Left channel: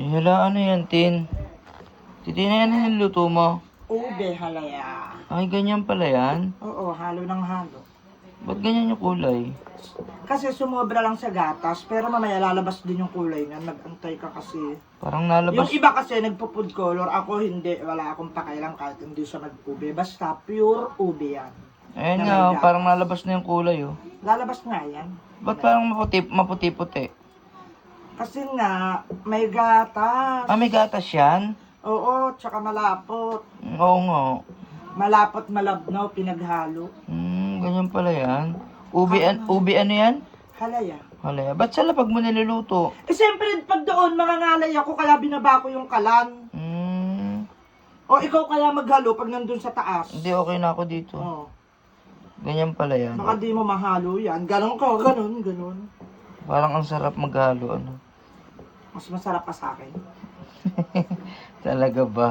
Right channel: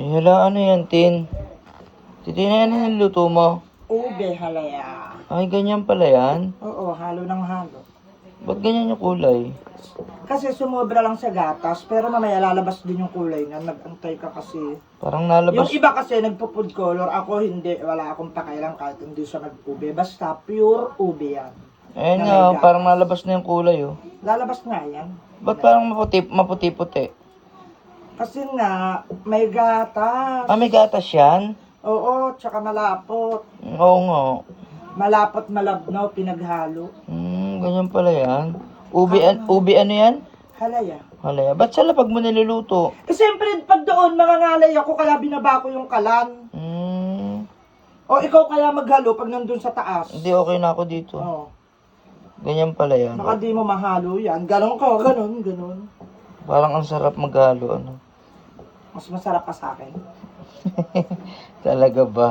Ay, hala, ano yan, Tin? Titin na yan yung luto mo. Ube, halaya. Ay, ganyan pala yan. Oo, halo ng halo. Ba't ganyan yung kulay? Kasi sumobra lang sa gatas, pero mamaya lalabas din yung kulay niya. Nag-antay ka kasi. Parang Yung nalabas. iba kasi nagpo-food color, ako hindi. Wala akong pakialam kahit hindi siya nag-ube. Basta pure ube yan. Ayun Na nga, may oh, gatas. parang nalabas na yung kulay, oh. Lalabas nga yan. Ba't parang maputi-puti? Kasi nga, may gatas. Ah, may gatas yan? Oo, tsaka malapot. Oo nga. Malapot malabnaw, pinaghalo. Ganyan pala yan. Ube ano yan? Halaya. Halaya. Ba't sa lapag mo niluluto? Eh siyempre, pag doon, mangangalay ako, kaya binaba ko yung kalan. O ikaw kaya maghalo pag nandun sa taas. Hindi, okay na ako dito. Oo. Ganyan pala yan. Baka di mo mahalo yan. Ganon ka, ganon. Parang ang sarap maghalo, ano. Mas masarap pa sa akin. Talaga ba?